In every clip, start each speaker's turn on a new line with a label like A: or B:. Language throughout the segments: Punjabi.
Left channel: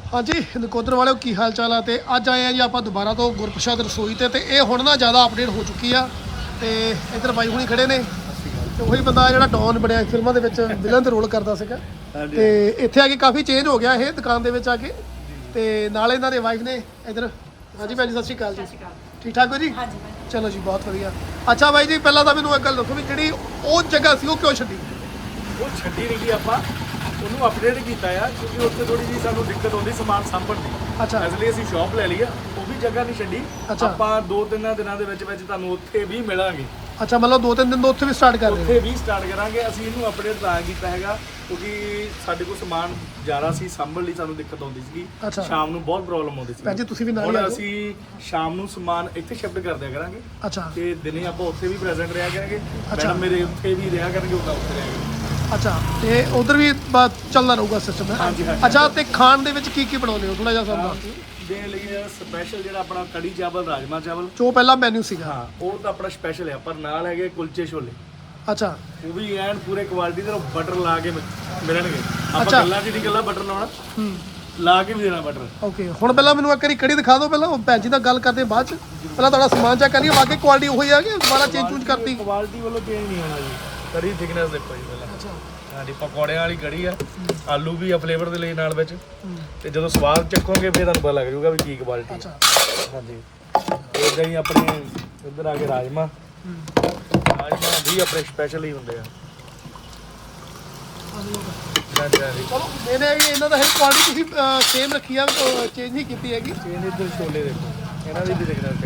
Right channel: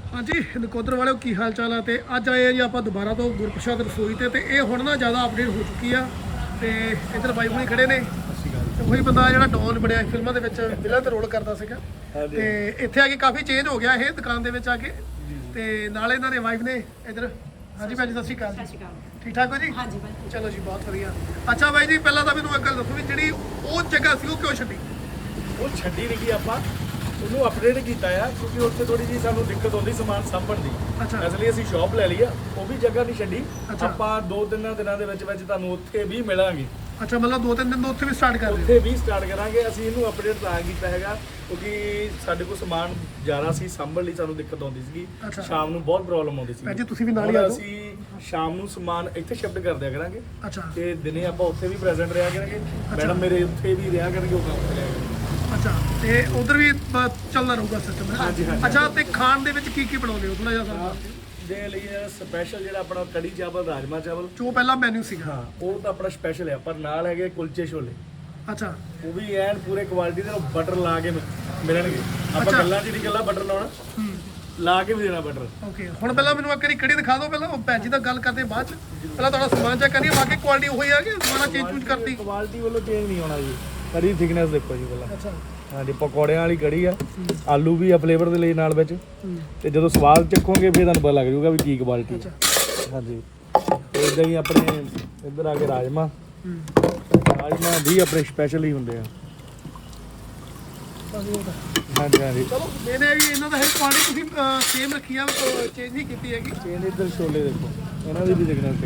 A: हाँ जी नकोदर वाले की हाल चाल है। तो अज आए हैं जी आप दोबारा तो गुरप्रसाद रसोई ते ये हुण ना ज़्यादा अपडेट हो चुकी है। तो इधर बाई हुणी खड़े ने तो वही बंदा जिहड़ा डॉन बनया फिल्मां दे विच विलन ते रोल करदा सीगा ते इत्थे आके काफ़ी चेंज हो गया ये दुकान दे विच आके ते नाल इन्हां दे वाइफ ने इधर। हाँ जी भैन जी सत श्री अकाल जी, ठीक ठाक हो जी?
B: हाँ जी
A: चलो जी बहुत वधिया। अच्छा बाई जी पहला तो मैनूं एक गल दसो भी जिहड़ी वो जगह सी वो क्यों छड्डी?
C: ਉਹ ਛੱਡੀ ਨਹੀਂ ਗਈ ਆਪਾਂ ਉਹਨੂੰ ਅਪਡੇਟ ਕੀਤਾ ਆ ਕਿਉਂਕਿ ਉੱਥੇ ਥੋੜੀ ਜੀ ਸਾਨੂੰ ਦਿੱਕਤ ਹੁੰਦੀ ਸਮਾਨ ਸਾਂਭਣ ਦੀ।
A: ਅੱਛਾ
C: ਇਸ ਲਈ ਅਸੀਂ ਸ਼ਾਪ ਲੈ ਲਈ ਆ, ਉਹ ਵੀ ਜਗ੍ਹਾ ਨਹੀਂ ਛੱਡੀ।
A: ਅੱਛਾ।
C: ਆਪਾਂ 2-3 ਦਿਨਾਂ ਦੇ ਵਿੱਚ ਤੁਹਾਨੂੰ ਉੱਥੇ ਵੀ ਮਿਲਾਂਗੇ।
A: अच्छा मतलब 2-3 दिन तो उत्थे भी स्टार्ट कर रहे
C: ਉੱਥੇ ਵੀ ਸਟਾਰਟ ਕਰਾਂਗੇ। ਅਸੀਂ ਇਹਨੂੰ ਅਪਡੇਟ ਤਾਂ ਕੀਤਾ ਹੈਗਾ ਕਿਉਂਕਿ ਸਾਡੇ ਕੋਲ ਸਮਾਨ ਜ਼ਿਆਦਾ ਸੀ, ਸਾਂਭਣ ਲਈ ਸਾਨੂੰ ਦਿੱਕਤ ਆਉਂਦੀ ਸੀਗੀ।
A: ਅੱਛਾ।
C: ਸ਼ਾਮ ਨੂੰ ਬਹੁਤ ਪ੍ਰੋਬਲਮ ਆਉਂਦੀ ਸੀ।
A: ਭੈਣ ਜੀ ਤੁਸੀਂ ਵੀ ਨਾਲ ਹੀ ਆ
C: ਹੁਣ
A: ਜਾਓ।
C: ਅਸੀਂ ਸ਼ਾਮ ਨੂੰ ਸਮਾਨ ਇੱਥੇ ਸ਼ਿਫਟ ਕਰ ਦਿਆ ਕਰਾਂਗੇ
A: अच्छा
C: ਤੇ ਦਿਨੇ ਆਪਾਂ ਉੱਥੇ ਵੀ ਪ੍ਰੈਜ਼ੈਂਟ ਰਿਹਾ ਕਰਾਂਗੇ। ਮੈਡਮ ਮੇਰੇ ਉੱਥੇ ਵੀ ਰਿਹਾ ਕਰਨਗੇ, ਉਹ ਕੰਮ ਕਰਿਆ ਕਰਨਗੇ।
A: अच्छा तो उधर भी चलना रहूगा सिस्टम है।
C: हाँ जी, हाँ जी।
A: अच्छा तो खाण दे विच की बनाउने हो थोड़ा जिहा सामान
C: ਦੇ ਲਈ ਸਪੈਸ਼ਲ ਜਿਹੜਾ ਆਪਣਾ ਕੜੀ ਚਾਵਲ, ਰਾਜਮਾ ਚਾਵਲ,
A: जो पहला मेन्यू सीगा?
C: ਹਾਂ ਉਹ ਤਾਂ ਆਪਣਾ ਸਪੈਸ਼ਲ ਹੈ। ਪਰ ਨਾਲ ਹੈਗੇ ਕੁਲਚੇ ਛੋਲੇ,
A: अच्छा
C: ਉਹ ਵੀ ਐਨ ਪੂਰੇ ਕੁਆਲਿਟੀ ਦੇ ਬਟਰ ਲਾ ਕੇ ਮਿਲਣਗੇ। ਆਪਾਂ
A: ਅੱਛਾ।
C: ਗੱਲਾਂ 'ਚ ਨਹੀਂ ਗੱਲਾਂ ਬਟਰ ਲਾਉਣਾ, ਲਾ ਕੇ ਵੀ ਦੇਣਾ ਬਟਰ।
A: ओके हुण पहला मैनूं एक वारी कड़ी दिखा दो, पहला भैन जी दा गल करदे बाद च पहला तुहाडा समान चेक करिए वाकई क्वालिटी वही है कि दोबारा चेंज चूंज करती?
C: ਕੁਆਲਿਟੀ ਵੱਲੋਂ ਚੇਂਜ ਨਹੀਂ ਹੋਣਾ ਜੀ। ਕੜੀ ਥਿਕਨੈਸ ਦੇਖੋ ਜੀ ਪਹਿਲਾਂ।
A: अच्छा
C: ਹਾਂਜੀ ਪਕੌੜਿਆਂ ਵਾਲੀ ਕੜੀ ਆ, ਆਲੂ ਵੀ ਆ ਫਲੇਵਰ ਦੇ ਲਈ ਨਾਲ ਵਿੱਚ। ਤੇ ਜਦੋਂ ਸਵਾਦ ਚੱਖੋਗੇ ਫਿਰ ਤੁਹਾਨੂੰ ਪਤਾ ਲੱਗ ਜਾਊਗਾ ਵੀ ਕੀ ਕੁਆਲਿਟੀ ਹੈ।
A: अच्छा
C: ਹਾਂਜੀ ਇਦਾਂ ਹੀ ਆਪਣੇ ਇੱਧਰ ਆ ਕੇ ਰਾਜਮਾ ਵੀ ਆਪਣੇ ਸਪੈਸ਼ਲ ਹੀ ਹੁੰਦੇ ਆ। ਹਾਂਜੀ ਹਾਂਜੀ
A: ਇਹਨੇ ਵੀ ਇਹਨਾਂ ਦਾ ਹੈ ਕੁਆਲਿਟੀ ਤੁਸੀਂ ਸੇਮ ਰੱਖੀ ਆ, ਚੇਂਜ ਨਹੀਂ ਕੀਤੀ ਹੈਗੀ।
C: ਚੇਂਜ ਇੱਧਰ ਛੋਲੇ ਦੇਖੋ, ਇਹਨਾਂ ਦੀ ਵੀ ਦੇਖਣਾ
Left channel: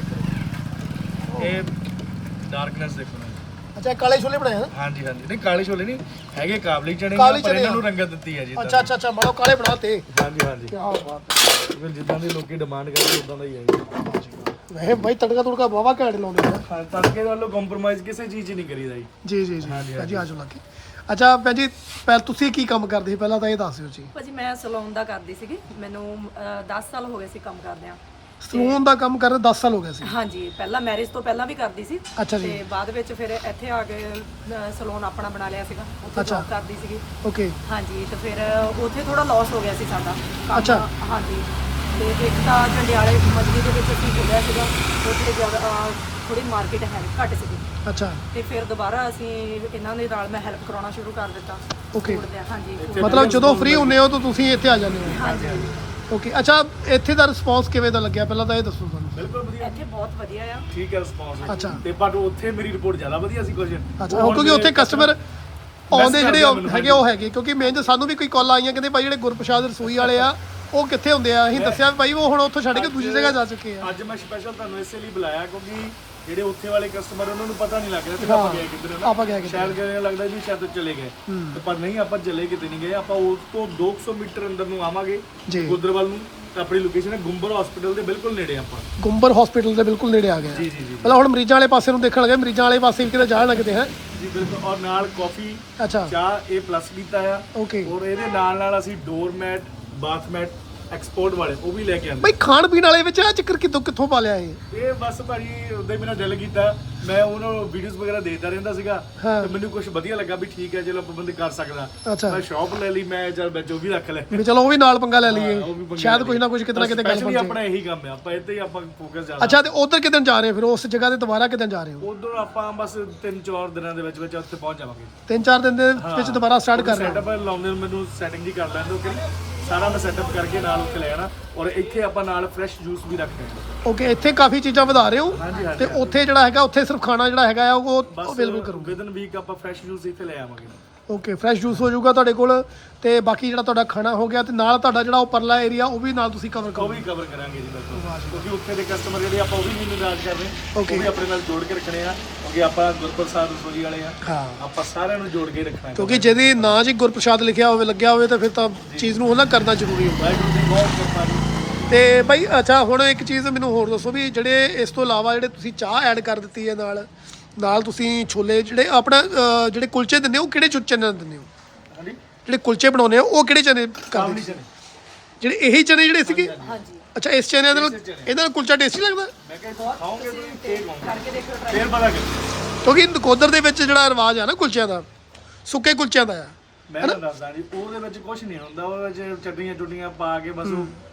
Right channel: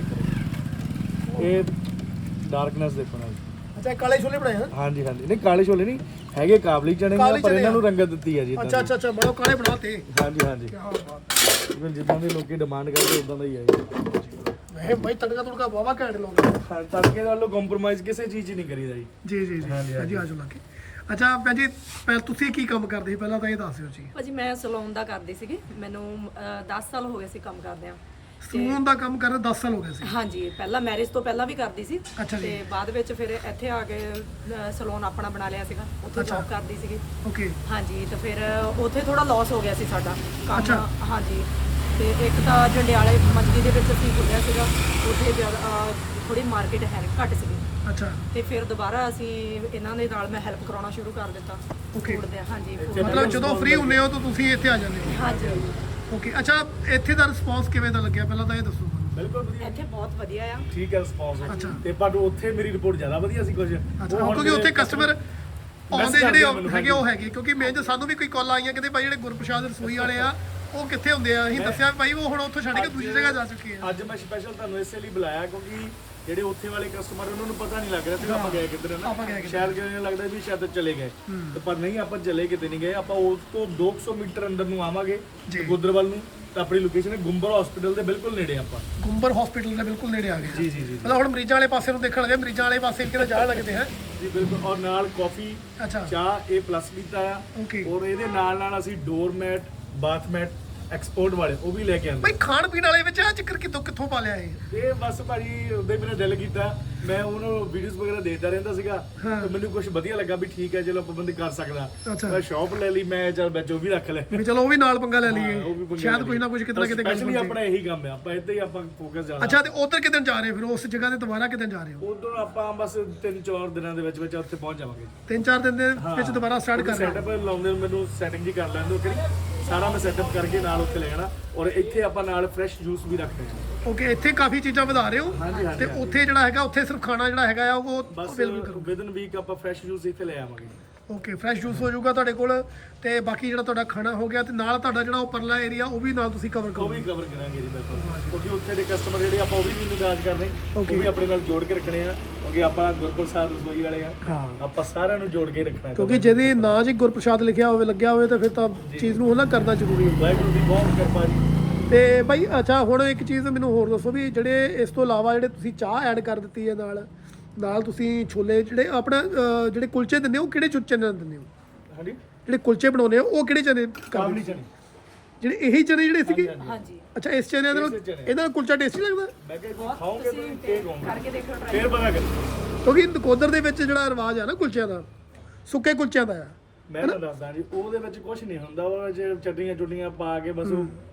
C: ਦੇਖੋ, ਇਹ ਡਾਰਕਨੈਸ ਦੇਖੋ ਨਾ।
A: ਅੱਛਾ ਕਾਲੇ ਛੋਲੇ ਬਣਾਏ ਹਨ?
C: ਹਾਂਜੀ ਹਾਂਜੀ ਨਹੀਂ ਕਾਲੇ ਛੋਲੇ ਨਹੀਂ ਹੈਗੇ, ਕਾਬਲੀ ਚਣੇ ਨੇ,
A: ਕਾਬਲੀ
C: ਪਰ
A: ਚਨੇ
C: ਇਹਨਾਂ ਨੂੰ
A: ਆ।
C: ਰੰਗਤ ਦਿੱਤੀ ਹੈ ਜੀ।
A: ਅੱਛਾ ਅੱਛਾ ਅੱਛਾ ਮਾਰੋ ਕਾਲੇ ਬਣਾਤੇ।
C: ਹਾਂਜੀ ਹਾਂਜੀ
A: ਕੀ ਬਾਤ
C: ਬਿਲਕੁਲ ਜਿੱਦਾਂ ਦੇ ਲੋਕੀ ਡਿਮਾਂਡ ਕਰਦੇ ਉਦਾਂ ਦਾ ਹੀ ਹੈ ਜੀ।
A: ਮੈਂ ਭਾਈ ਤੜਕਾ ਤੁੜਕਾ ਬਾਵਾ ਘੈਂਟ ਲਾਉਂਦੇ ਆ।
C: ਹਾਂ ਤੜਕੇ ਨਾਲੋਂ ਕੰਪਰੋਮਾਈਜ਼ ਕਿਸੇ ਚੀਜ਼ 'ਚ ਨਹੀਂ ਕਰੀਦਾ ਜੀ।
A: ਜੀ ਜੀ ਜੀ
C: ਹਾਂਜੀ,
A: ਭਾਜੀ ਆ ਜਾਓ ਲੱਗੇ। ਅੱਛਾ ਭੈਣ ਜੀ ਤੁਸੀਂ ਕੀ ਕੰਮ ਕਰਦੇ ਸੀ ਪਹਿਲਾਂ ਤਾਂ ਇਹ ਦੱਸ ਦਿਓ ਜੀ।
B: ਭਾਜੀ ਮੈਂ ਸਲੂਨ ਦਾ ਕਰਦੀ ਸੀਗੀ, ਮੈਨੂੰ 10 ਸਾਲ ਹੋ ਗਏ ਸੀ ਕੰਮ ਕਰਦਿਆਂ।
A: ਸਲੂਨ ਦਾ ਕੰਮ ਕਰਦੇ 10 ਸਾਲ ਹੋ ਗਏ ਸੀ?
B: ਹਾਂਜੀ ਪਹਿਲਾਂ ਮੈਰਿਜ ਤੋਂ ਪਹਿਲਾਂ ਵੀ ਕਰਦੀ ਸੀ
A: ਅੱਛਾ ਜੀ।
B: ਤੇ ਬਾਅਦ ਵਿੱਚ ਫਿਰ ਇੱਥੇ ਆ ਕੇ ਸਲੂਨ ਆਪਣਾ ਬਣਾ ਲਿਆ ਸੀਗਾ, ਉੱਥੇ ਜੌਬ ਕਰਦੀ ਸੀਗੀ।
A: ਓਕੇ
B: ਹਾਂਜੀ ਤੇ ਫਿਰ ਉੱਥੇ ਥੋੜਾ ਲਾਸ ਹੋ ਗਿਆ ਸੀ ਸਾਡਾ
A: ਅੱਛਾ।
B: ਕੰਮ। ਹਾਂਜੀ ਤੇ ਇੱਕ ਤਾਂ ਜੰਡਿਆਲੇ ਮਜਲੀ ਦੇ ਵਿੱਚ ਅਸੀਂ ਖੋਲ੍ਹਿਆ ਸੀਗਾ, ਉੱਥੇ ਥੋੜੀ ਮਾਰਕੀਟ ਹੈ ਘੱਟ ਸੀਗੀ।
A: ਅੱਛਾ
B: ਤੇ ਫਿਰ ਦੁਬਾਰਾ ਅਸੀਂ ਇਹਨਾਂ ਦੇ ਨਾਲ ਮੈਂ ਹੈਲਪ ਕਰਾਉਣਾ ਸ਼ੁਰੂ ਕਰ ਦਿੱਤਾ।
A: Okay।
B: food ਦੇ, ਹਾਂਜੀ
A: ਮਤਲਬ ਜਦੋਂ ਫ੍ਰੀ ਹੁੰਨੇ ਹੋ ਤਾਂ ਤੁਸੀਂ ਇੱਥੇ ਆ ਜਾਂਦੇ ਹੋ?
B: ਹਾਂਜੀ
A: ਓਕੇ ਅੱਛਾ ਇੱਥੇ ਦਾ ਰਿਸਪੌਂਸ ਕਿਵੇਂ ਦਾ ਲੱਗਿਆ ਪਹਿਲਾਂ ਤਾਂ ਇਹ ਦੱਸੋ ਸਾਨੂੰ।
C: ਬਿਲਕੁਲ ਵਧੀਆ
B: ਇੱਥੇ ਬਹੁਤ ਵਧੀਆ ਆ।
C: ਠੀਕ ਹੈ ਰਿਸਪੌਂਸ।
A: ਅੱਛਾ।
C: ਤੇ ਪਰ ਉੱਥੇ ਮੇਰੀ ਰਿਪੋਰਟ ਜ਼ਿਆਦਾ ਵਧੀਆ ਸੀ ਕੁਝ।
A: ਅੱਛਾ ਕਿਉਂਕਿ ਉੱਥੇ ਕਸਟਮਰ ਆਉਂਦੇ ਜਿਹੜੇ ਹੈਗੇ ਉਹ ਹੈਗੇ, ਕਿਉਂਕਿ ਮੈਂ ਸਾਨੂੰ ਵੀ ਕੋਈ ਕਾਲ ਆਈਆਂ ਕਹਿੰਦੇ ਭਾਈ ਜਿਹੜੇ ਗੁਰਪ੍ਰਸਾਦ ਰਸੋਈ ਵਾਲੇ ਆ ਉਹ ਕਿੱਥੇ ਹੁੰਦੇ ਆ? ਅਸੀਂ ਦੱਸਿਆ ਭਾਈ ਉਹ ਹੁਣ ਉੱਥੋਂ ਛੱਡ ਕੇ ਦੂਜੀ ਜਗ੍ਹਾ ਜਾ ਚੁੱਕੇ ਆ।
C: ਅੱਜ ਮੈਂ ਸਪੈਸ਼ਲ ਤੁਹਾਨੂੰ ਇਸੇ ਲਈ ਬੁਲਾਇਆ ਕਿਉਂਕਿ ਜਿਹੜੇ ਉੱਥੇ ਵਾਲੇ ਕਸਟਮਰ ਉਹਨਾਂ ਨੂੰ ਪਤਾ ਨਹੀਂ ਲੱਗ ਰਿਹਾ ਸੀ ਆਪਾਂ ਗਏ ਕਿੱਧਰ ਹੈ ਨਾ।
A: ਆਪਾਂ ਗਏ ਕਿੱਧਰ।
C: ਸ਼ਾਇਦ ਕਿਹਨੇ ਲੱਗਦਾ ਵੀ ਸ਼ਾਇਦ ਚਲੇ ਗਏ, ਤੇ ਪਰ ਨਹੀਂ, ਆਪਾਂ ਚਲੇ ਕਿਤੇ ਨਹੀਂ ਗਏ। ਆਪਾਂ ਉਸ ਤੋਂ 200 ਮੀਟਰ ਅੰਦਰ ਨੂੰ ਆਵਾਂਗੇ ਗੁੱਦਰ ਵੱਲ ਨੂੰ, ਤਾਂ ਆਪਣੀ ਲੋਕੇਸ਼ਨ ਹੈ ਗੁੰਬਰ ਹਸਪੀਟਲ ਦੇ ਬਿਲਕੁਲ ਨੇੜੇ ਆਪਾਂ।
A: ਗੁੰਬਰ ਹਸਪੀਟਲ ਦੇ ਬਿਲਕੁਲ ਨੇੜੇ ਆ ਗਏ।
C: ਜੀ ਜੀ ਜੀ
A: ਪਹਿਲਾਂ ਹੁਣ ਮਰੀਜ਼ਾਂ ਵਾਲੇ ਪਾਸੇ ਨੂੰ ਦੇਖਣ ਲੱਗੇ, ਮਰੀਜ਼ਾਂ ਵਾਲੇ ਪਾਸੇ ਵੀ ਕਿਤੇ ਜਾਣ ਲੱਗਦੇ ਹੈ।
C: ਜੀ ਬਿਲਕੁਲ। ਔਰ ਨਾਲ ਕਾਫੀ
A: ਅੱਛਾ
C: ਚਾਹ ਇਹ ਪਲੱਸ ਕੀਤਾ ਆ।
A: ਓਕੇ
C: ਔਰ ਇਹਦੇ ਨਾਲ ਨਾਲ ਅਸੀਂ ਡੋਰਮੈਟ, ਬਾਥਮੈਟ ਐਕਸਪੋਰਟ ਵਾਲੇ ਉਹ ਵੀ ਲੈ ਕੇ ਆਂਦੇ।
A: ਭਾਈ ਖਾਣ ਪੀਣ ਵਾਲੇ ਵਿੱਚ ਆ ਚੱਕਰ ਕਿੱਥੋਂ ਪਾ ਲਿਆ ਇਹ?
C: ਇਹ ਬਸ ਭਾਜੀ ਉਦੋਂ ਹੀ ਮੇਰਾ ਦਿਲ ਕੀਤਾ, ਮੈਂ ਉਹਨੂੰ ਵੀਡੀਓਜ਼ ਵਗੈਰਾ ਦੇਖਦਾ ਰਹਿੰਦਾ ਸੀਗਾ ਤੇ ਮੈਨੂੰ ਕੁਝ ਵਧੀਆ ਲੱਗਾ ਵੀ ਠੀਕ ਹੈ ਚਲੋ ਆਪਾਂ ਬੰਦੇ ਕਰ ਸਕਦਾ।
A: ਅੱਛਾ
C: ਮੈਂ ਸ਼ਾਪ ਲੈ ਲਈ, ਮੈਂ ਚੱਲ ਵਿੱਚ ਉਹ ਵੀ ਰੱਖ ਲੈ।
A: ਵੀ ਚਲੋ ਉਹ ਵੀ ਨਾਲ ਪੰਗਾ ਲੈ
C: ਉਹ ਵੀ
A: ਲਈਏ,
C: ਪੰਗਾ
A: ਸ਼ਾਇਦ
C: ਲੈ
A: ਕੁਝ ਨਾ ਕੁਝ ਕਿਤੇ ਨਾ ਕਿਤੇ ਗੱਲ
C: Especially
A: ਬਣ
C: ਆਪਣਾ ਇਹੀ ਕੰਮ ਹੈ, ਆਪਾਂ ਇੱਥੇ ਹੀ ਆਪਾਂ ਫੋਕਸ ਜ਼ਿਆਦਾ।
A: ਅੱਛਾ ਤੇ ਉਧਰ ਕਿਦਾਂ ਜਾ ਰਹੇ ਹੋ ਫਿਰ? ਉਸ ਜਗ੍ਹਾ ਤੇ ਦੁਬਾਰਾ ਕਿਦਾਂ ਜਾ ਰਹੇ ਹੋ?
C: ਉਦੋਂ ਆਪਾਂ ਬਸ 3-4 ਦਿਨਾਂ ਦੇ ਵਿੱਚ ਉੱਥੇ ਪਹੁੰਚ ਜਾਵਾਂਗੇ।
A: 3-4 ਦਿਨ ਦੇ ਵਿੱਚ ਦੁਬਾਰਾ ਸਟਾਰਟ ਕਰ ਰਹੇ ਹੋ?
C: ਸੈਟਅਪ ਲਾਉਂਦੇ ਨੂੰ ਮੈਨੂੰ ਸੈਟਿੰਗ ਜੀ ਕਰ ਲੈਂਦੇ ਕਿ ਸਾਰਾ ਮੈਂ ਸੈਟਅਪ ਕਰਕੇ ਨਾਲ ਉੱਥੇ ਲੈ ਜਾਣਾ। ਔਰ ਇੱਥੇ ਆਪਾਂ ਨਾਲ ਫਰੈਸ਼ ਜੂਸ ਵੀ ਰੱਖਦੇ ਹਾਂ।
A: ਓਕੇ ਇੱਥੇ ਕਾਫੀ ਚੀਜ਼ਾਂ ਵਧਾ ਰਹੇ ਹੋ
C: ਹਾਂਜੀ ਹਾਂਜੀ।
A: ਤੇ ਉੱਥੇ ਜਿਹੜਾ ਹੈਗਾ ਉੱਥੇ ਸਿਰਫ ਖਾਣਾ ਜਿਹੜਾ ਹੈਗਾ ਆ ਉਹ
C: ਬਸ
A: ਅਵੇਲੇਬਲ ਕਰੋ।
C: ਵਿਦਨ ਵੀਕ ਆਪਾਂ ਫਰੈਸ਼ ਜੂਸ ਇੱਥੇ ਲੈ ਆਵਾਂਗੇ।
A: ਓਕੇ ਫਰੈਸ਼ ਜੂਸ ਹੋ ਜਾਊਗਾ ਤੁਹਾਡੇ ਕੋਲ, ਤੇ ਬਾਕੀ ਜਿਹੜਾ ਤੁਹਾਡਾ ਖਾਣਾ ਹੋ ਗਿਆ, ਤੇ ਨਾਲ ਤੁਹਾਡਾ ਜਿਹੜਾ ਉਹ ਪਰਲਾ ਏਰੀਆ ਉਹ ਵੀ ਨਾਲ ਤੁਸੀਂ ਕਵਰ
C: ਉਹ
A: ਕਰੋ।
C: ਵੀ ਕਵਰ ਕਰਾਂਗੇ ਜੀ ਬਿਲਕੁਲ, ਕਿਉਂਕਿ ਉੱਥੇ ਦੇ ਕਸਟਮਰ ਜਿਹੜੇ ਆਪਾਂ ਉਹ ਵੀ ਨਹੀਂ ਨਿਰਾਸ਼ ਕਰਨੇ, ਉਹ ਵੀ ਆਪਣੇ ਨਾਲ ਜੋੜ ਕੇ ਰੱਖਣੇ ਆ ਕਿਉਂਕਿ ਆਪਾਂ ਗੁਰਪ੍ਰਸਾਦ ਰਸੋਈ ਵਾਲੇ ਆ।
A: ਹਾਂ
C: ਆਪਾਂ ਸਾਰਿਆਂ ਨੂੰ ਜੋੜ ਕੇ ਰੱਖਣਾ
A: ਕਿਉਂਕਿ ਜਿਹਦੇ ਨਾਂ 'ਚ ਗੁਰਪ੍ਰਸਾਦ ਲਿਖਿਆ ਹੋਵੇ, ਲੱਗਿਆ ਹੋਵੇ, ਤਾਂ ਫਿਰ ਤਾਂ ਚੀਜ਼ ਨੂੰ ਉਹਨਾਂ ਕਰਨਾ ਜ਼ਰੂਰੀ ਹੁੰਦਾ।
C: ਵਾਹਿਗੁਰੂ ਦੀ ਬਹੁਤ ਕਿਰਪਾ ਜੀ।
A: ਤੇ ਭਾਈ ਅੱਛਾ ਹੁਣ ਇੱਕ ਚੀਜ਼ ਮੈਨੂੰ ਹੋਰ ਦੱਸੋ ਵੀ ਜਿਹੜੇ ਇਸ ਤੋਂ ਇਲਾਵਾ ਜਿਹੜੇ ਤੁਸੀਂ ਚਾਹ ਐਡ ਕਰ ਦਿੱਤੀ ਹੈ ਨਾਲ ਤੁਸੀਂ ਛੋਲੇ ਜਿਹੜੇ ਆਪਣਾ ਜਿਹੜੇ ਕੁਲਚੇ ਦਿੰਦੇ ਹੋ ਉਹ ਕਿਹੜੇ ਚਨੇ ਦਿੰਦੇ ਹੋ?
C: ਹਾਂਜੀ
A: ਜਿਹੜੇ ਕੁਲਚੇ ਬਣਾਉਂਦੇ ਹੋ ਉਹ ਕਿਹੜੇ ਚਨੇ
C: ਕਾਬਲੀ
A: ਕਰਦੇ?
C: ਚਨੇ
A: ਜਿਹੜੇ ਇਹੀ ਚਨੇ ਜਿਹੜੇ ਸੀਗੇ?
B: ਹਾਂਜੀ
A: ਅੱਛਾ ਇਸ ਚਨੇ ਨਾਲ ਇਹਦਾ ਨਾਲ ਕੁਲਚਾ ਟੇਸਟੀ ਲੱਗਦਾ?
C: ਮੈਂ ਕਿਹਾ ਖਾਓਗੇ ਤੁਸੀਂ ਠੀਕ ਹੋਗੇ,
B: ਕਰਕੇ ਦੇਖੋ try।
C: ਫੇਰ ਪਤਾ ਕਰ।
A: ਕਿਉਂਕਿ ਨਕੋਦਰ ਦੇ ਵਿੱਚ ਜਿਹੜਾ ਰਿਵਾਜ ਆ ਨਾ ਕੁਲਚਿਆਂ ਦਾ, ਸੁੱਕੇ ਕੁਲਚਿਆਂ ਦਾ ਆ।
C: ਮੈਂ ਤਾਂ ਦੱਸਦਾ ਜੀ ਉਹਦੇ ਵਿੱਚ ਕੁਝ ਨਹੀਂ ਹੁੰਦਾ, ਉਹਦੇ ਵਿੱਚ ਚਟਨੀਆਂ ਚੁਟਨੀਆਂ ਪਾ ਕੇ ਬਸ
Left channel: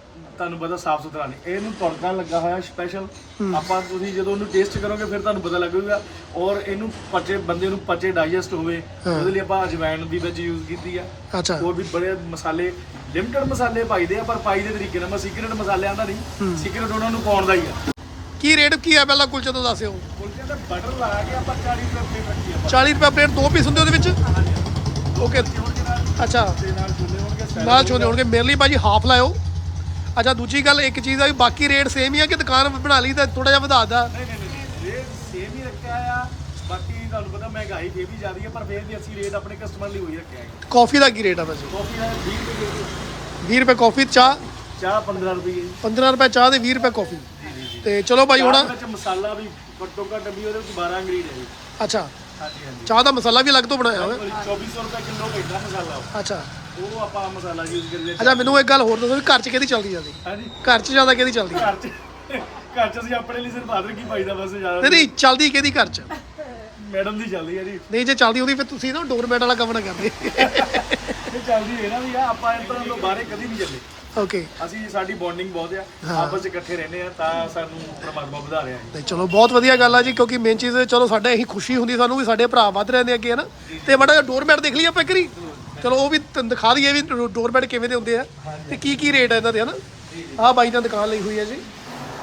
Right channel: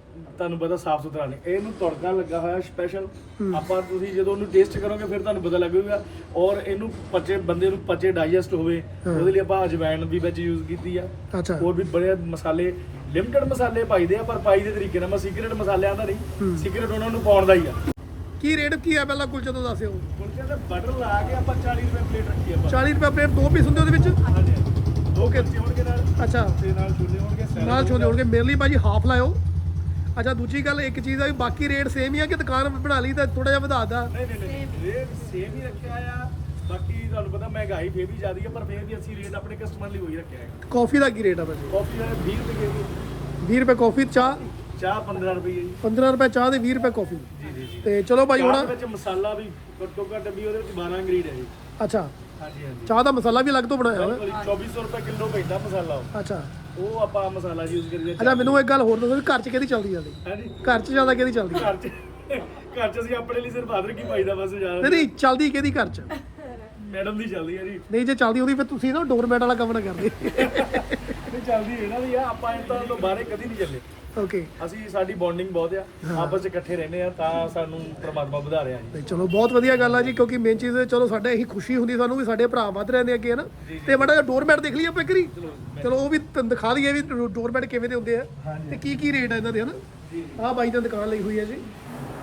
C: ਤੁਹਾਨੂੰ ਪਤਾ ਸਾਫ ਸੁਥਰਾ ਨਹੀਂ, ਇਹਨੂੰ ਤੜਕਾ ਲੱਗਾ ਹੋਇਆ ਸਪੈਸ਼ਲ। ਆਪਾਂ ਤੁਸੀਂ ਜਦੋਂ ਉਹਨੂੰ ਟੇਸਟ ਕਰੋਗੇ ਫਿਰ ਤੁਹਾਨੂੰ ਪਤਾ ਲੱਗੂਗਾ। ਔਰ ਇਹਨੂੰ ਬੰਦੇ ਨੂੰ ਪਚੇ ਡਾਈਜੈਸਟ ਹੋਵੇ, ਉਹਦੇ ਲਈ ਆਪਾਂ ਅਜਵਾਇਣ ਵੀ ਵਿੱਚ ਯੂਜ਼ ਕੀਤੀ ਆ।
A: ਅੱਛਾ,
C: ਹੋਰ ਵੀ ਬੜੇ ਮਸਾਲੇ, ਲਿਮਟਡ ਮਸਾਲੇ ਪਾਈਦੇ ਆ, ਪਰ ਪਾਈ ਦੇ ਤਰੀਕੇ ਨਾਲ। ਮੈਂ ਸੀਕ੍ਰੇਟ ਮਸਾਲਿਆਂ ਦਾ ਨਹੀਂ, ਸੀਕ੍ਰੇਟ ਉਹਨਾਂ ਨੂੰ ਪਾਉਣ ਦਾ ਹੀ ਆ।
A: ਕੀ ਰੇਟ ਕੀ ਹੈ ਪਹਿਲਾਂ ਕੁਲਚੇ ਤੋਂ ਦੱਸਿਓ।
C: ਕੁਲਚੇ ਦਾ ਬਟਰ ਲਾ ਕੇ ਆਪਾਂ 40 ਰੁਪਏ ਪਲੇਟ ਰੱਖੀ ਆ।
A: 40 ਰੁਪਏ ਪਲੇਟ, 2 ਪੀਸ ਹੁੰਦੇ ਉਹਦੇ ਵਿੱਚ।
C: ਹਾਂਜੀ,
A: ਓਕੇ,
C: ਹੋਣਗੇ ਨਾਲ
A: ਅੱਛਾ,
C: ਤੇ ਨਾਲ ਛੋਲੇ ਹੋਣਗੇ,
A: ਨਾਲ ਛੋਲੇ ਹੋਣਗੇ। ਮੇਰੇ ਲਈ ਭਾਜੀ ਹਾਫ ਲਾਇਓ। ਅੱਛਾ, ਦੂਜੀ ਗੱਲ ਇੱਕ ਚੀਜ਼ ਆ ਵੀ ਬਾਕੀ ਰੇਟ ਸੇਮ ਹੀ ਆ ਕਿ ਦੁਕਾਨ ਬਣਾ ਲਈ ਤਾਂ ਥੋੜਾ ਜਿਹਾ ਵਧਾ ਦਾ?
C: ਨਹੀਂ, ਰੇਟ ਸੇਮ ਹੀ ਰੱਖਿਆ ਆ। ਬਾਕੀ ਤੁਹਾਨੂੰ ਪਤਾ ਮਹਿੰਗਾਈ ਫੇਰ ਵੀ ਜ਼ਿਆਦੀ ਹੈ, ਪਰ ਫੇਰ ਵੀ ਅਸੀਂ ਰੇਟ ਆਪਣੇ ਕਸਟਮਰ ਲਈ ਉਹੀ ਰੱਖਿਆ ਹੈ।
A: ਕਾਫੀ ਦਾ ਕੀ ਰੇਟ ਆ ਭਾਜੀ?
C: ਕਾਫੀ ਦਾ 20 ਰੁਪਏ ਜੀ,
A: 20 ਰੁਪਏ ਕਾਫੀ, ਚਾਹ
C: ਚਾਹ 15 ਰੁਪਏ ਜੀ।
A: 15 ਰੁਪਏ ਚਾਹ ਦੇ 20 ਰੁਪਏ ਕਾਫੀ। ਤੇ ਚਲੋ ਭਾਈ ਹੁਣ
C: ਚਾਹ ਵਿੱਚ ਮਸਾਲਾ ਵੀ ਘੱਟੋ ਘੱਟ ਵੀ ਉਹਦੇ ਵਿੱਚ 12 ਇੰਗਰੀਡ ਹੈ ਜੀ।
A: ਅੱਛਾ,
C: ਹਾਂਜੀ ਹਾਂਜੀ,
A: ਚਾਹ ਦਾ ਮਸਾਲਾ ਵੀ ਅਲੱਗ ਤੋਂ ਬਣਾਇਆ ਹੋਇਆ?
C: 2400 ਰੁਪਏ ਕਿਲੋ ਪੈਂਦਾ ਮਸਾਲਾ ਉਹ।
A: ਅੱਛਾ
C: ਉਹ ਆਪਾਂ ਮਸਾਲਾ ਯੂਜ਼ ਕਰੀਏ।
A: ਅੱਛਾ, ਮੈਨੂੰ ਇੱਕ ਗੱਲ ਹੋਰ ਦੱਸੋ ਵੀ ਘਰ 'ਚ ਕਿਹਦੀ ਚੱਲਦੀ ਜਾਂਦੀ?
C: ਹਾਂਜੀ,
A: ਘਰ 'ਚ ਜ਼ਿਆਦਾ ਕਿਹਦੀ ਚੱਲਦੀ?
C: ਘਰ 'ਚ ਅਸੀਂ ਆਪਣੇ ਲਈ ਸਿਰਫ ਅਦਰਕ ਹੀ ਪਾਈਦਾ ਬਸ ਜ਼ਿਆਦਾ।
A: ਨਹੀਂ ਚੱਲਦੀ ਕਿਹਦੀ ਘਰ 'ਚ?
C: ਮੈਡਮ ਦੀ ਚੱਲਦੀ ਹੈ ਜੀ।
A: ਨਹੀਂ, ਜੇ ਚੱਲਦੀ ਹੁੰਦੀ ਫਿਰ ਤੁਸੀਂ ਨਾ ਡੋਰਮੈਟ ਵਾਲਾ ਕੰਮ ਨਾ ਕਰਦੇ।
C: ਇਹ ਚੱਲਦੀ ਇਹਨਾਂ ਦੀ ਆ, ਆਪਾਂ ਇਹਨਾਂ ਤੋਂ ਬਾਹਰੇ ਕਦੀ ਨਹੀਂ ਚੱਲੇ।
A: ਓਕੇ,
C: ਅਸੀਂ ਸਾਡੀ ਬੌਂਡਿੰਗ ਬਹੁਤ ਆ, ਆਪਸ ਚ ਇਕੱਠੇ ਰਹਿੰਦੇ ਆ, ਤਾਂ ਸਾਨੂੰ ਪ੍ਰਮਾਤਮਾ ਵਧਾ ਰਿਹਾ ਜੀ।
A: ਨਹੀਂ ਚਲੋ ਬਹੁਤ ਵਧੀਆ ਗੱਲ ਆ ਜੀ, ਕਿਉਂਕਿ ਮੇਨ ਚੀਜ਼ ਚਲੋ ਸਾਡੇ ਇਹੀ ਖੁਸ਼ੀ ਹੁੰਦੀ ਸਾਨੂੰ ਵੀ ਸਾਡੇ ਭਰਾ ਵੱਧ ਰਹੇ ਨੇ ਅੱਗੇ, ਹੈ ਨਾ। ਤੇ ਮਾੜਾ ਜਿਹਾ ਡੋਰਮੈਟ ਦੇਖ ਲਈਏ ਆਪਾਂ ਇੱਕ ਵਾਰੀ, ਚਲੋ ਉਹ ਵੀ ਤੁਹਾਨੂੰ ਦਿਖਾ ਦਈਏ ਵੀ ਡੋਰਮੈਟ ਕਿਵੇਂ ਦੇ ਹੁੰਦੇ ਆ ਤੇ ਕੀ ਰੇਟ ਆ ਇਹਨਾਂ ਦੇ, ਹੈ ਨਾ। ਆਹ ਬਾਈ ਨੇ ਦੁਕਾਨ ਲਈ ਹੋਈ ਹੈ ਜੀ,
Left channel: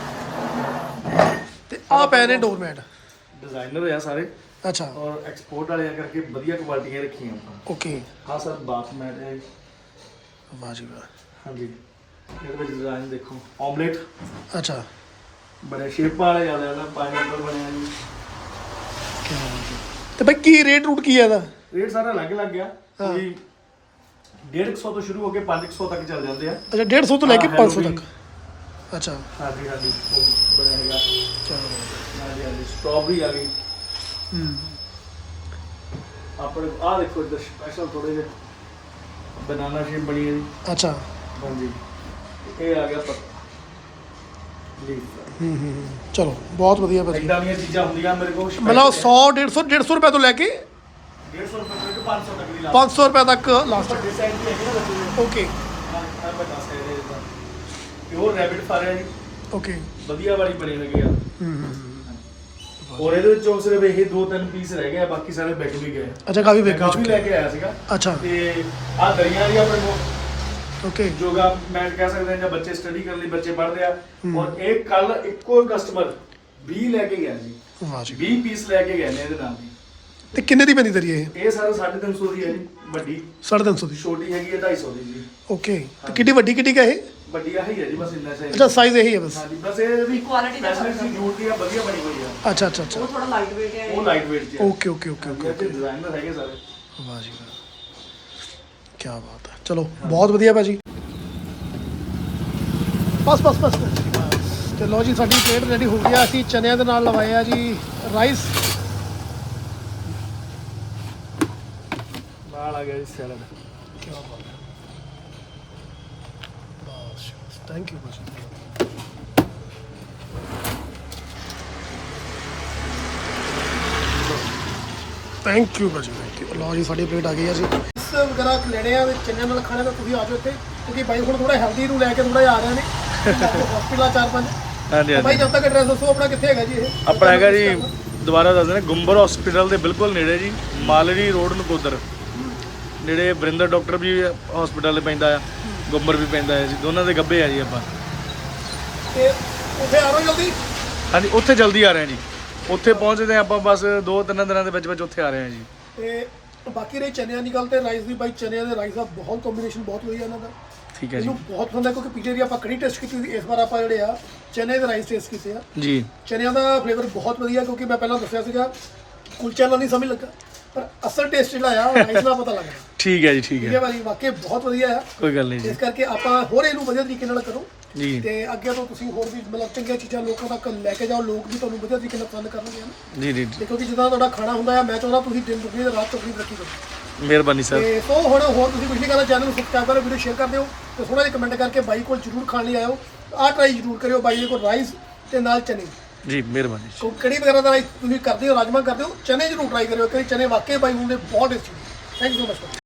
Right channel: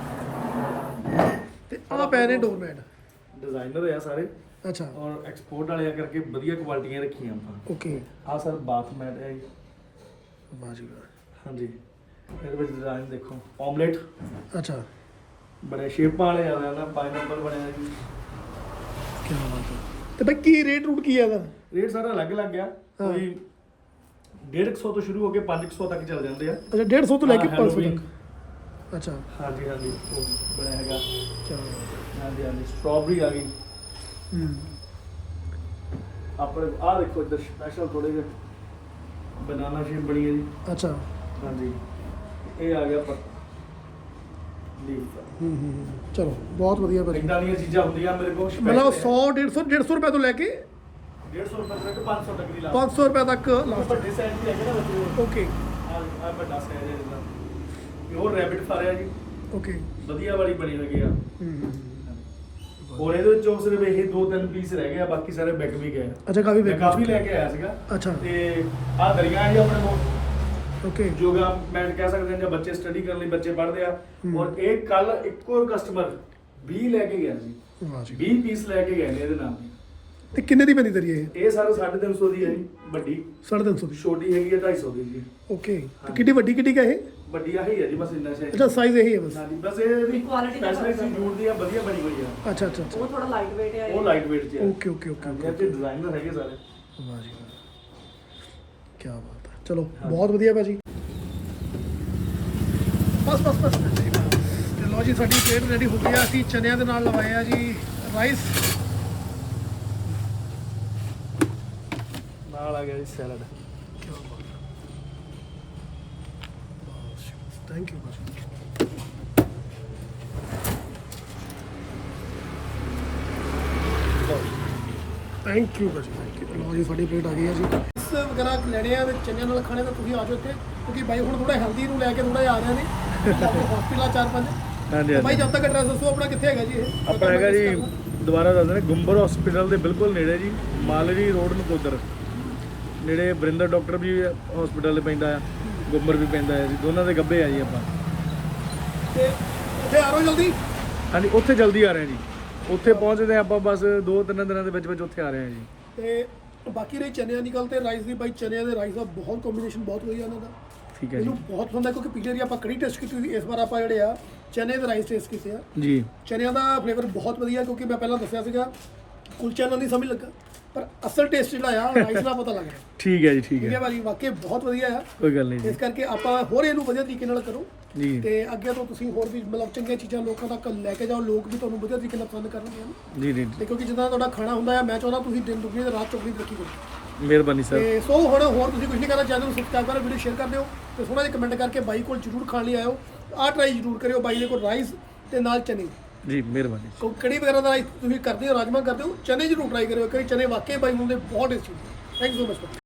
A: ਤੇ ਆਹ ਪਏ ਨੇ ਡੋਰਮੈਟ।
C: ਡਿਜ਼ਾਈਨਰ ਆ ਸਾਰੇ,
A: ਅੱਛਾ,
C: ਔਰ ਐਕਸਪੋਰਟ ਵਾਲੇ ਆ ਕਰਕੇ ਵਧੀਆ ਕੁਆਲਿਟੀਆਂ ਰੱਖੀਆਂ ਆਪਾਂ।
A: ਓਕੇ,
C: ਹਾਂ ਸਰ, ਬਾਥ ਮੈਟ ਹੈ।
A: ਵਾਹ ਜੀ ਵਾਹ।
C: ਹਾਂਜੀ, ਇਹਦੇ ਵਿੱਚ ਡਿਜ਼ਾਈਨ ਦੇਖੋ, ਆਮਲੇਟ,
A: ਅੱਛਾ,
C: ਬੜੇ ਸ਼ੇਪਾਂ ਵਾਲੇ ਜ਼ਿਆਦਾ ਨਾ, ਪਾਈਨਐਪਲ ਬਣਿਆ ਜੀ।
A: ਕੀ ਬਾਤ ਹੈ। ਤੇ ਭਾਈ ਕੀ ਰੇਟ ਰੂਟ ਕੀ ਹੈ ਇਹਦਾ?
C: ਰੇਟ ਸਾਰਾ ਅਲੱਗ ਅਲੱਗ ਆ, ਕੋਈ 150 ਤੋਂ ਸ਼ੁਰੂ ਹੋ ਕੇ 500 ਤੱਕ ਚੱਲ ਜਾਂਦੇ ਆ।
A: ਅੱਛਾ, 150 ਤੋਂ ਲੈ ਕੇ 500 ਤੱਕ। ਅੱਛਾ,
C: ਹਾਂਜੀ ਹਾਂਜੀ, ਉਹ ਬਣਿਆ ਹੈਗਾ।
A: ਕੀ ਬਾਤ ਹੈ।
C: ਹਾਂਜੀ ਹਾਂਜੀ, ਸਟ੍ਰਾਬੇਰੀ ਆ ਗਈ ਆਪਣੇ। ਆਹ ਦੇਖੋ ਇੱਧਰ ਸਪੈਸ਼ਲ ਥੋੜੇ ਜਿਹੇ ਬਨਾਨਾ ਸ਼ੇਪ ਬਣੀ ਹੈ ਜੀ।
A: ਅੱਛਾ,
C: ਹਾਂਜੀ, ਇਹ ਆ ਗਿਆ ਪੱਤਾ ਲੀਫ।
A: ਚਲੋ ਬਹੁਤ ਵਧੀਆ ਭਾਜੀ।
C: ਇਦਾਂ ਦੀਆਂ ਚੀਜ਼ਾਂ ਹੁੰਦੀਆਂ ਮੇਰੇ ਕੋਲ,
A: ਮਤਲਬ 100 150 ਰੁਪਏ ਤੋਂ ਲੈ ਕੇ
C: 150 ਰੁਪਏ ਤੱਕ 500 ਤੱਕ ਦੀ ਲਾ।
A: 500 ਰੁਪਏ ਤੱਕ ਲਾਸਟ।
C: ਡਿਜ਼ਾਈਨ ਵੀ ਹੈਗੇ ਨਾ ਬੱਚੇ ਦੇ।
A: ਓਕੇ
C: ਆ ਮੈਂ ਦੱਸ ਰਿਹਾ ਇਹਦਾ ਪਿਓਰ ਰੈਬਿਟ ਫਾਰਿਆ ਜੀ,
A: ਓਕੇ।
C: ਵਧੀਆ ਵਾਲੀ ਬਣੀ ਲੱਗੇ ਆ। ਔਰ ਇਹਦੇ ਵਿੱਚੋਂ ਸਿਰਫ ਇਹ 2-3 ਪੀਸ ਰਹਿ ਗਏ ਆ, ਬਾਕੀ ਸਾਰੇ ਵਿਕ ਵੀ ਗਏ ਆ।
A: ਅੱਛਾ, ਕਾਫੀ
C: ਮੈਂ
A: ਵੇਖ
C: ਕਾਫੀ
A: ਚੁੱਕੇ।
C: ਲੈ ਕੇ ਆਇਆ ਸੀਗਾ।
A: ਅੱਛਾ,
C: ਤੇ ਆ ਦਰੀਆਂ ਜੀ ਆਪਣੇ ਕੋਲ,
A: ਓਕੇ,
C: ਯੋਗਾ ਮੈਟ ਕਹਿ ਸਕਦੇ ਹਾਂ, ਜਾਂ ਬੱਚੇ ਸਟੱਡੀ ਕਰਨ ਲਈ ਬੱਚੇ ਪੜ੍ਹਦੇ ਆ। ਔਰ ਇਹ ਕੱਲ ਇੱਕੋ ਕਸਟਮਰ 20 ਲੈ ਕੇ ਗਿਆ ਜੀ,
A: ਵਾਹ ਜੀ।
C: 20 ਪੀਸ ਲੈ ਕੇ ਗਏ ਨੇ ਇਹਦੇ ਨਾਲ ਦੀ।
A: ਤੇ ਕਿੰਨੇ ਦੀ ਪੈਂਦੀ ਤੇਰੀ ਇਹ?
C: ਇਹ ਸਾਰੇ 350 ਦੀ ਹੈ ਜੀ, ਵੱਡੀ
A: 350 ਦੀ।
C: ਛੋਟੀ ਹੈਗੀ ਹੈ 250 ਦੀ ਜੀ।
A: ਓਕੇ, ਤੇ ਕਿੱਡੀ ਵੱਡੀ ਕਿੱਡੀ ਕਾ ਇਹ?
C: ਵੱਡੀ ਆਹੀ ਹੈ ਜੀ, ਬਸ ਇੰਨਾ ਸਹੀ।
A: ਅੱਛਾ, ਸਾਈਜ਼ ਇਹੀ ਹੈ ਬਸ।
C: ਹਾਂਜੀ, ਬਸ ਇਹ ਵੀ
B: Quality ਦਾ
C: ਫੈਸਿਲਿਟੀ ਸੀ, ਜੂਟ ਦੀ ਆ, ਵਧੀਆ ਬਣੀ ਹੋਈ ਆ।
A: ਅੱਛਾ ਅੱਛਾ ਅੱਛਾ,
B: ਉਹ ਥੋੜਾ ਲਾਈਟ weight ਹੈ।
C: ਉਹ ਲਾਈਟ weight ਚ
A: ਓਕੇ ਓਕੇ ਓਕੇ ਓਕੇ।
C: ਤੇ ਡਿਜ਼ਾਈਨਰ ਹੈਗੇ ਸਾਰੇ।
A: ਵਾਹ ਜੀ ਵਾਹ, ਕੀ ਬਾਤ ਹੈ। ਚਲੋ ਬਹੁਤ ਵਧੀਆ ਭਾਜੀ। ਬਸ ਤੇ ਲੋ ਜੀ, ਸਾਡੀ ਪਲੇਟ ਰੈਡੀ ਹੋ ਗਈ ਆ। ਅਸੀਂ ਚਨਿਆਂ ਦੇ ਨਾਲ ਲਵਾਏ ਆ ਜੀ ਰਾਈਸ,
C: ਨਾਲ ਆ ਗਿਆ ਜੀ ਸੈਲਡ।
A: ਕੀ ਬਾਤ ਹੈ। ਬਸ ਥੈਂਕ ਯੂ ਭਾਜੀ। ਥੈਂਕ ਯੂ ਭਾਜੀ, ਥੈਂਕ ਯੂ। ਲੋ ਜੀ, ਸਾਡੀ ਪਲੇਟ ਆ ਗਈ ਆ ਜੀ। ਇਸ ਵਗੈਰਾ ਲੈਣੇ ਆ ਤੇ ਚੰਨਿਆਂ ਨਾਲ ਖਾਣੇ ਤਾਂ ਤੁਸੀਂ ਆ ਜਾਓ ਇੱਥੇ, ਕਿਉਂਕਿ ਬਾਈ ਹੁਣ ਥੋੜਾ ਹੈਲਦੀ ਨੂੰ ਲੈ ਕੇ ਥੋੜਾ ਜਿਹਾ ਆ ਰਹੇ ਨੇ ਹਸਪੀਟਲ 4-5।
C: ਹਾਂਜੀ
A: ਬਾਈ ਜਦ ਤੱਕ ਐਡਰੈਸ ਦੱਸੋ ਆਪਣਾ, ਕਿੱਥੇ ਹੈਗਾ ਜੀ ਇਹ?
C: ਆਪਣਾ ਹੈਗਾ ਜੀ, ਦੁਬਾਰਾ ਦੱਸ ਦਿੰਦੇ, ਗੁੰਬਰ ਹਸਪੀਟਲ ਦੇ ਬਿਲਕੁਲ ਨੇੜੇ ਜੀ, ਮਾਲਰੀ ਰੋਡ ਨਕੋਦਰ ਨੇੜੇ। ਬਰਿੰਦਰ ਡਾਕਟਰ ਵੀ ਹਸਪੀਟਲ ਦੇ ਪੈਂਦਾ ਆ, ਗੁੰਬਰ ਵੀ ਪੈਂਦਾ ਹੈ ਜੀ, ਦੋਨਾਂ ਦੇ ਗੱਬੇ ਆ ਜੀ ਆਪਾਂ।
A: ਤੇ ਉੱਥੇ ਆ ਰਹੋ ਜਲਦੀ।
C: ਹਾਂਜੀ, ਉੱਥੇ ਜਲਦੀ ਆ ਰਹੇ ਹਾਂ ਜੀ, ਉੱਥੇ ਪਹੁੰਚਦੇ ਹਾਂ ਆਪਾਂ ਬਸ 2-3 ਦਿਨਾਂ ਦੇ ਵਿੱਚ ਉੱਥੇ ਆ ਰਹੇ ਹਾਂ ਜੀ।
A: ਤੇ ਬਾਕੀ ਰਹੀ ਚਨਿਆਂ ਦੀ ਗੱਲ ਤੇ ਰਾਈਸ ਦੀ, ਬਾਈ ਚਨਿਆਂ ਦੇ ਰਾਈਸ ਦਾ ਬਹੁਤ ਕੰਬੀਨੇਸ਼ਨ ਬਹੁਤ ਵਧੀਆ ਇਹਨਾਂ ਦਾ।
C: ਠੀਕ ਹੈ ਜੀ।
A: ਮੈਨੂੰ ਬਹੁਤ ਪਸੰਦ ਹੈ, ਕਿਉਂਕਿ ਪਿਛਲੇ ਵਾਰੀ ਆਪਾਂ ਕੜੀ ਟੈਸਟ ਕੀਤੀ ਸੀ, ਇਸ ਵਾਰ ਆਪਾਂ ਜਿਹੜੇ ਆ ਚਨੇ ਦੇ ਰਾਈਸ ਟੇਸਟ ਕੀਤੇ ਆ
C: ਜੀ।
A: ਚਨਿਆਂ ਦਾ ਫਲੇਵਰ ਬਹੁਤ ਵਧੀਆ, ਕਿਉਂਕਿ ਮੈਂ ਪਹਿਲਾਂ ਦੱਸਿਆ ਸੀਗਾ ਕੁਲਚਿਆਂ ਨਾਲ ਨਹੀਂ ਸਮਝ ਲੱਗਾ, ਪਰ ਅਸਲ ਟੇਸਟ ਜਿਹੜਾ ਆ ਰਾਈਸ ਦਾ ਪਤਾ ਲੱਗਦਾ।
C: ਠੀਕ ਹੈ ਜੀ, ਠੀਕ
A: ਠੀਕ ਹੈ
C: ਹੈ,
A: ਭਾਜੀ, ਵਾਕਈ ਬਹੁਤ ਵਧੀਆ ਆ।
C: ਕੋਈ ਗੱਲ ਨਹੀਂ ਜੀ।
A: ਇਸ ਕਰਕੇ ਆਪਾਂ ਹੋਰ ਇਹਨੂੰ ਵਧੀਆ ਤਰੀਕੇ ਨਾਲ ਕਰੋ
C: ਜੀ
A: ਤੇ ਅੱਗੇ ਤੋਂ ਤੁਸੀਂ ਹੋਰ ਵੀ ਮਤਲਬ ਚੰਗੀਆਂ ਚੀਜ਼ਾਂ ਲੋਕਾਂ ਤੱਕ ਲੈ ਕੇ ਜਾਓ, ਲੋਕ ਵੀ ਤੁਹਾਨੂੰ ਵਧੀਆ ਤਰੀਕੇ ਨਾਲ ਪਸੰਦ ਕਰਨਗੇ, ਹਨ।
C: ਜੀ ਜੀ,
A: ਤੇ ਕਿਉਂਕਿ ਜਿੱਦਾਂ ਤੁਹਾਡਾ ਖਾਣਾ ਹੁੰਦਾ ਆ, ਮੈਂ ਚਾਹੁੰਦਾ ਤੁਸੀਂ ਦਿਨ ਦੁਗਣੀ ਤੇ ਰਾਤ ਚੌਗਣੀ ਤਰੱਕੀ ਕਰੋ।
C: ਮਿਹਰਬਾਨੀ ਸਰ।
A: ਤੇ ਸੋ ਹੁਣ ਹੋਰ ਤੁਸੀਂ ਕੁਝ ਨਹੀਂ ਕਰਨਾ, ਚੈਨਲ ਨੂੰ ਸਬਸਕ੍ਰਾਈਬ ਕਰੋ, ਵੀਡੀਓ ਸ਼ੇਅਰ ਕਰ ਦਿਓ ਤੇ ਥੋੜਾ ਜਿਹਾ ਕਮੈਂਟ ਕਰਕੇ ਬਾਈ ਕੋਲ ਜ਼ਰੂਰ ਖਾਣ ਲਈ ਆਇਓ। ਆਹ ਟਰਾਈ ਜ਼ਰੂਰ ਕਰਿਓ ਬਾਈ ਦੇ ਕੋਲ ਰਾਈਸ ਤੇ ਨਾਲ ਚਨੇ।
C: ਜੀ ਮਿਹਰਬਾਨੀ।
A: ਕੋ ਕੜੀ ਵਗੈਰਾ ਦਾ ਤੁਸੀਂ ਕਰਦੇ ਹੋ, ਰਾਜਮਾ ਕਰਦੇ ਹੋ, ਚਨੇ ਜ਼ਰੂਰ ਟਰਾਈ ਕਰਿਓ, ਕਈ ਚਨੇ ਵਾਕਈ ਬਾਈ ਹੁੰਦੇ ਬਹੁਤ tasty. Thank you so much.